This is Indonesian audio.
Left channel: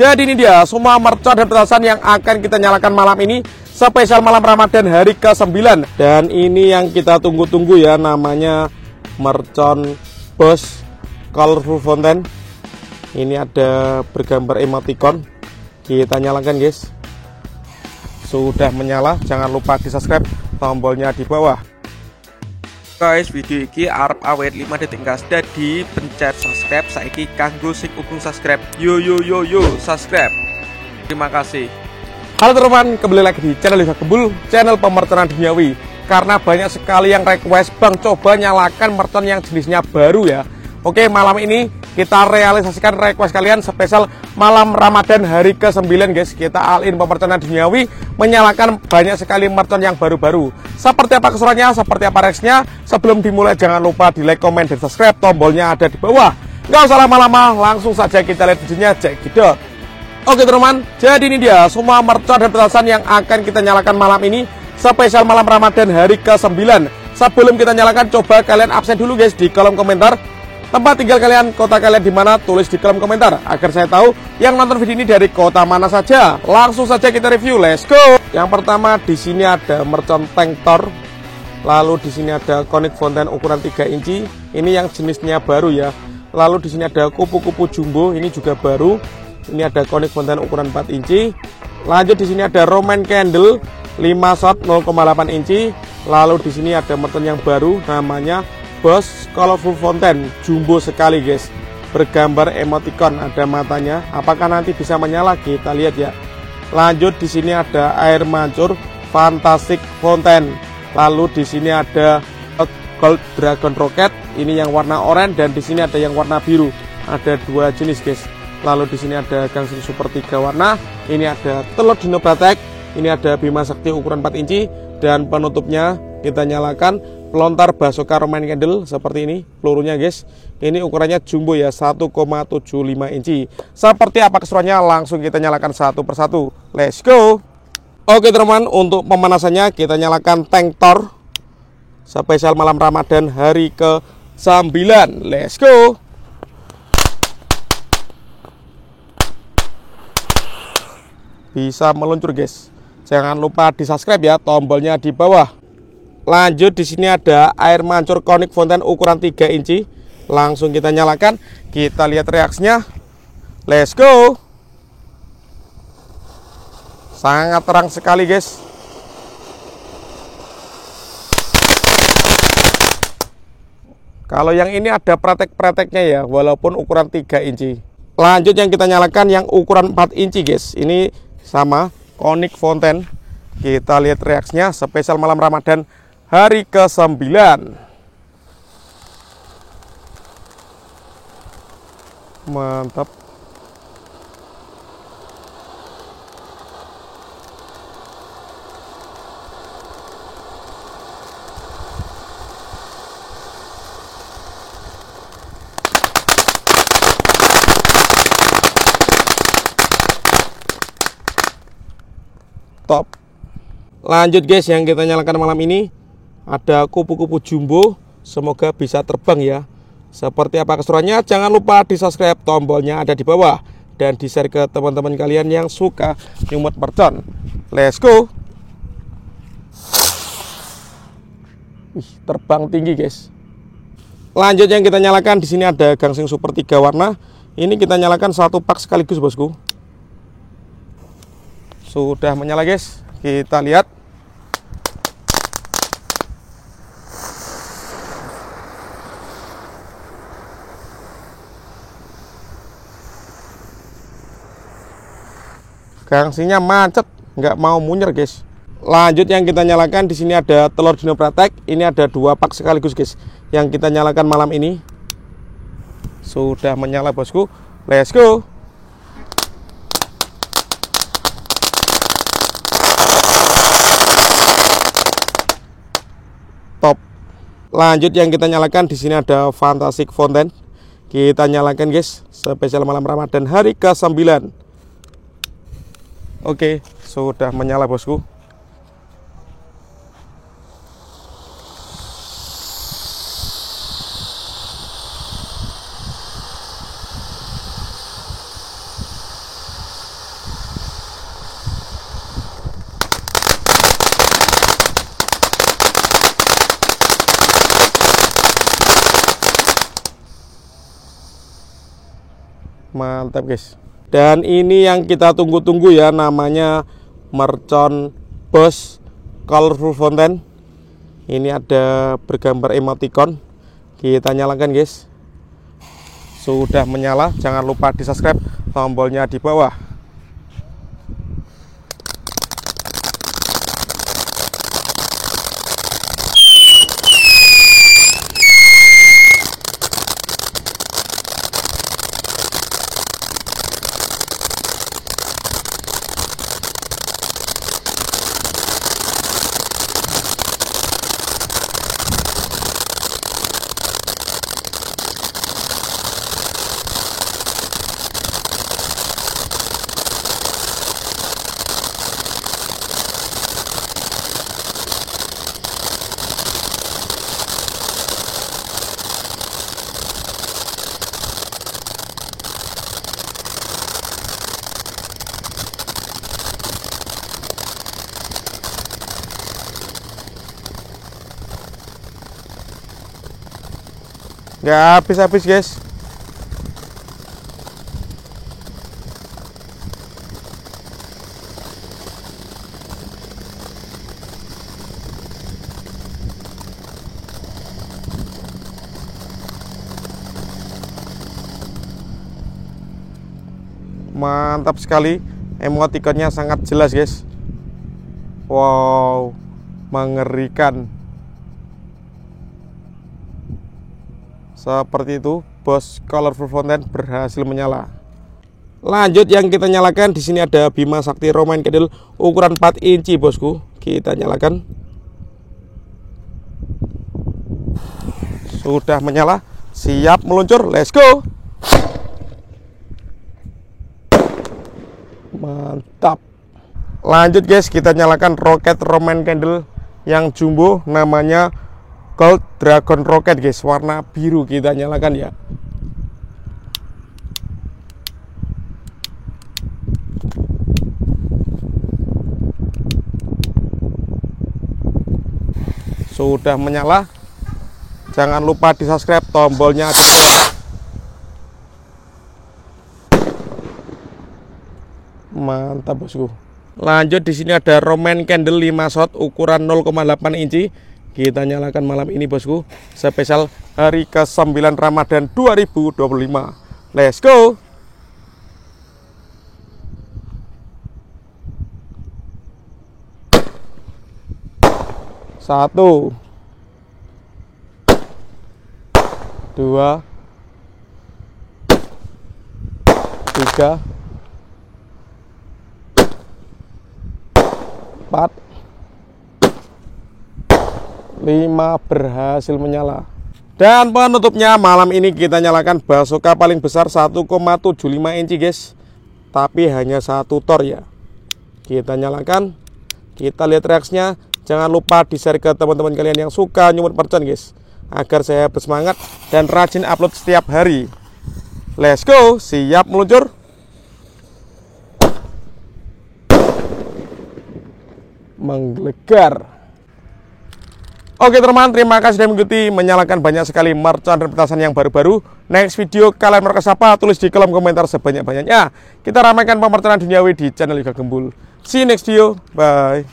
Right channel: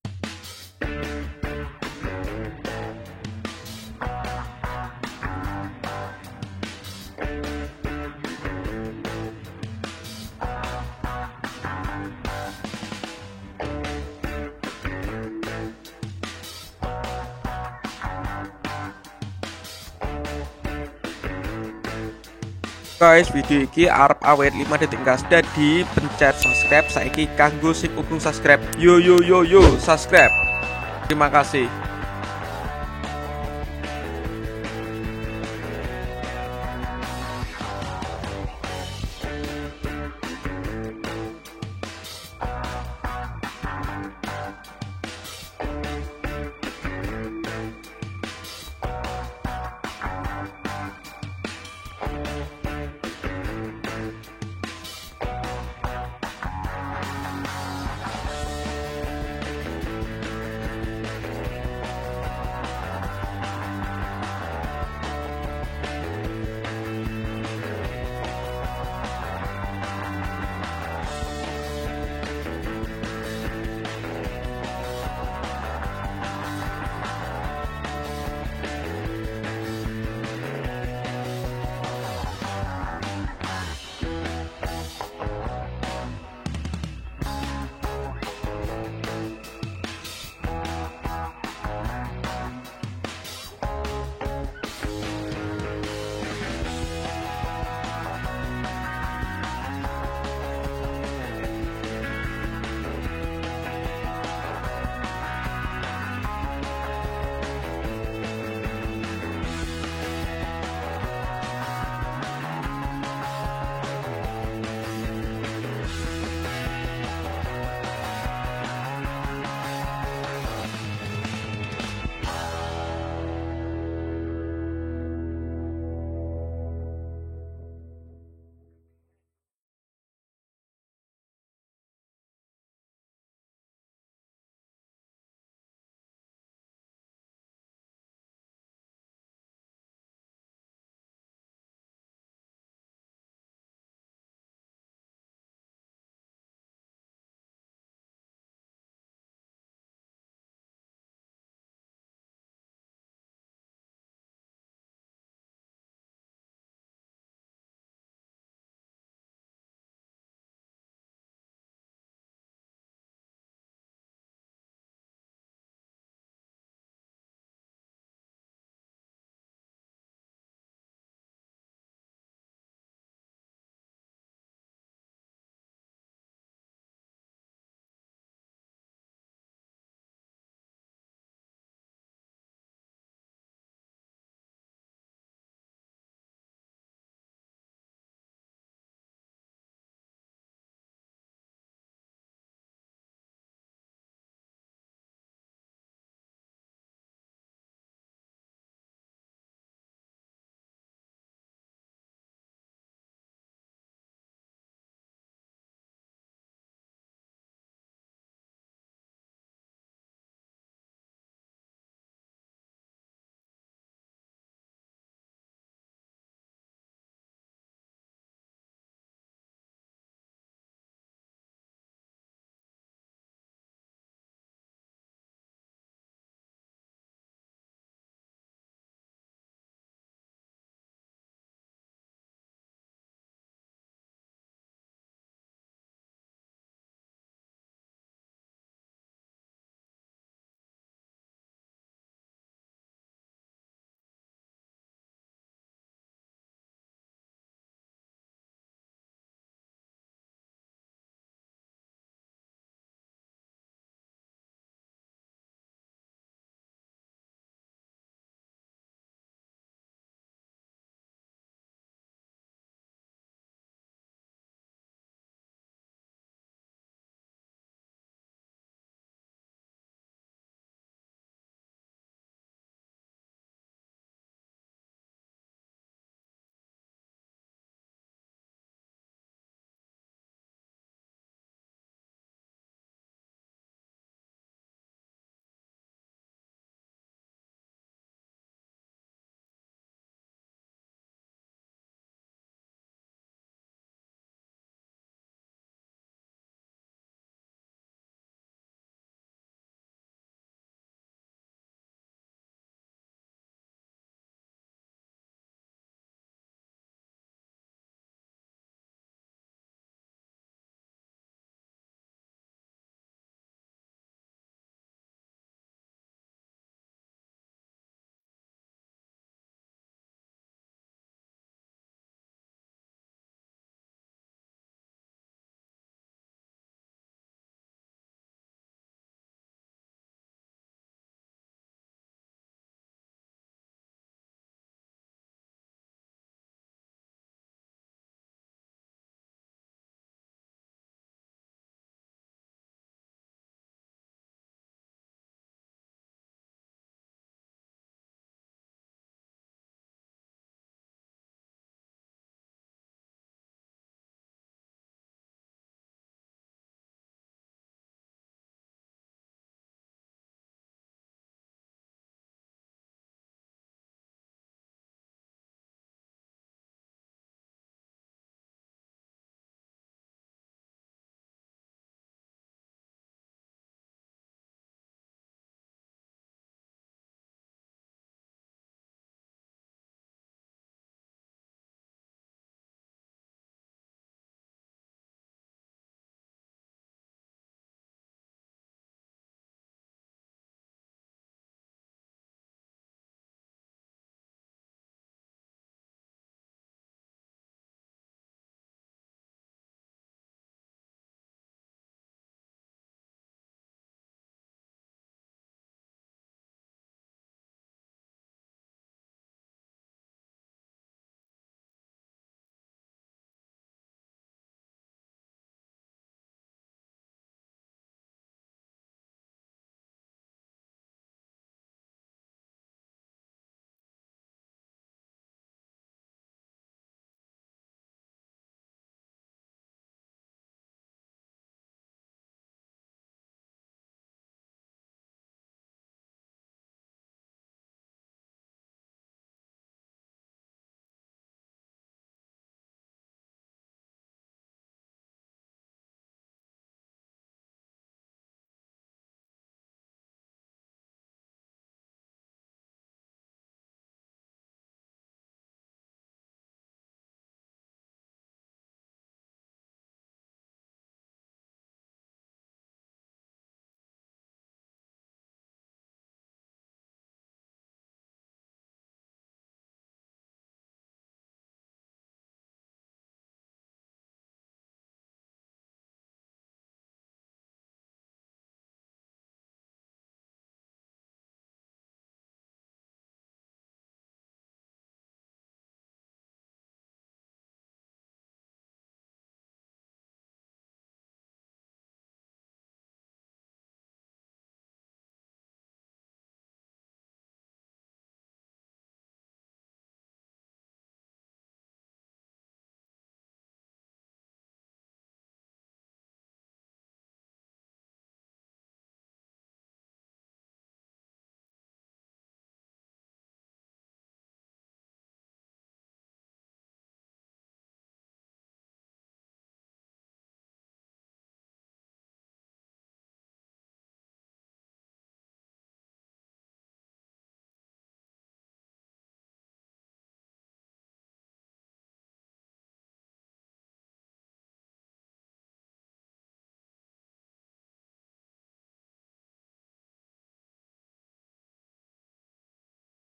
Jadi ini dia semua mercon dan petasan yang akan kita nyalakan malam ini, spesial malam Ramadan hari ke-9. Dan ini yang kita tunggu-tunggu ya, namanya mercon Boss Colorful Fountain. Ini ada bergambar emoticon. Kita nyalakan guys. Sudah menyala, jangan lupa di subscribe, tombolnya di bawah. Guys, video ini arep awet 5 detik gas, jadi pencet subscribe saiki kanggo sing ukung subscribe. Yo subscribe. Terima kasih. Halo teman-teman, kembali lagi di channel Liza Gembul, channel pemerconan duniawi. Karena banyak sekali yang request, Bang coba nyalakan mercon yang jenisnya baru ya. Oke, malam ini kita realisasikan request kalian spesial malam Ramadan hari ke-9 guys. Kita all-in pemerconan duniawi menyalakan banyak sekali mercon yang baru-baru. Seperti apa keseruannya, seperti apa reaksinya. Sebelum dimulai jangan lupa di like, komen, dan subscribe. Tombolnya ada di bawah. Nggak usah lama-lama, langsung saja kita lihat videonya, cek gitu. Oke teman-teman, jadi ini dia semua mercon dan petasan yang akan kita nyalakan malam ini, spesial malam Ramadan hari ke-9. Sebelum kita nyalakan, coba kalian absen dulu guys di kolom komentar tempat tinggal kalian, kota kalian di mana, tulis di kolom komentar agar saya tahu yang nonton video ini dari kota mana saja. Langsung saja kita review, let's go. Yang pertama di sini ada mercon tank Thor. Lalu di sini ada Conic Fountain ukuran 3 inci. Ini yang jenisnya baru ya. Lalu di sini ada kupu-kupu jumbo, ini juga baru. Ini ada Conic Fountain ukuran 4 inci. Lanjut di sini ada Roman Candle 5 shot 0,8 inci. Lalu di sini ada mercon yang baru namanya Boss Colorful Fountain, jumbo sekali guys, bergambar emoticon, ada matanya. Apakah nanti bisa menyala? Kita lihat ya. Lanjut di sini ada air mancur Fantastic Fountain. Lalu di sini ada Gold Dragon Rocket, ini yang warna oranye, dan di sini ada yang warna biru. Ada dua jenis guys. Lalu di sini ada Gangsing Super 3 warna. Ini ada telur Dino Batek. Ini ada Bima Sakti ukuran 4 inci, dan penutupnya kita nyalakan pelontar Basoka Roman Candle seperti ini pelurunya guys. Ini ukurannya jumbo ya, 1,75 inci. Seperti apa keseruannya, langsung kita nyalakan satu persatu. Let's go. Oke teman-teman, untuk pemanasannya kita nyalakan tank Thor spesial malam Ramadan hari ke-9. Let's go. Bisa meluncur guys. Jangan lupa di subscribe ya, tombolnya di bawah. Lanjut di sini ada air mancur Conic Fountain ukuran 3 inci. Langsung kita nyalakan, kita lihat reaksinya. Let's go. Sangat terang sekali guys. Kalau yang ini ada pretek-preteknya ya, walaupun ukuran 3 inci. Lanjut yang kita nyalakan yang ukuran 4 inci guys. Ini sama Conic Fountain. Kita lihat reaksinya spesial malam Ramadan hari ke-9. Mantap. Top. Lanjut guys, yang kita nyalakan malam ini ada kupu-kupu jumbo, semoga bisa terbang ya. Seperti apa keseruannya, jangan lupa di subscribe, tombolnya ada di bawah, dan di share ke teman-teman kalian yang suka nyumut mercon. Let's go. Terbang tinggi guys. Lanjut yang kita nyalakan di sini ada Gangsing Super 3 warna. Ini kita nyalakan satu pak sekaligus bosku. Sudah menyala guys, kita lihat. Gangsingnya macet, nggak mau munyer guys. Lanjut yang kita nyalakan di sini ada telur Dino Batek. Ini ada 2 pak sekaligus guys, yang kita nyalakan malam ini. Sudah menyala bosku. Let's go. Top. Lanjut yang kita nyalakan di sini ada Fantastic Fountain. Kita nyalakan guys, spesial malam Ramadan hari ke-9. Oke, sudah menyala bosku. Mantap guys. Dan ini yang kita tunggu-tunggu ya, namanya mercon Bosch Colorful Fountain. Ini ada bergambar emoticon. Kita nyalakan guys. Sudah menyala, jangan lupa di subscribe, tombolnya di bawah. Nggak habis-habis guys. Mantap sekali, emoticonnya sangat jelas guys. Wow, mengerikan. Seperti itu, Bosch Colorful Fountain berhasil menyala. Lanjut yang kita nyalakan, di sini ada Bima Sakti Romain Candle ukuran 4 inci bosku. Kita nyalakan. Sudah menyala, siap meluncur, let's go. Mantap. Lanjut guys, kita nyalakan roket Romain Candle yang jumbo, namanya Gold Dragon Rocket guys, warna biru. Kita nyalakan ya. Sudah menyala, jangan lupa di subscribe, tombolnya di bawah. Mantap bosku. Lanjut, di sini ada Romain Candle 5 shot ukuran 0,8 inci. Kita nyalakan malam ini bosku, spesial hari ke-9 Ramadan 2025. Let's go. Satu, dua, tiga, 4, 5 berhasil menyala. Dan penutupnya malam ini kita nyalakan basoka paling besar 1,75 inci guys, tapi hanya 1 tor ya. Kita nyalakan, kita lihat reaksinya. Jangan lupa di share ke teman-teman kalian yang suka nyumut mercon guys, agar saya bersemangat dan rajin upload setiap hari. Let's go, siap meluncur. Menggelegar. Oke teman, terima kasih sudah mengikuti, menyalakan banyak sekali mercon dan petasan yang baru-baru. Next video kalian mau request apa? Tulis di kolom komentar sebanyak-banyaknya. Kita ramaikan pemerconan duniawi di channel Yoga Gembul. See you next video, bye.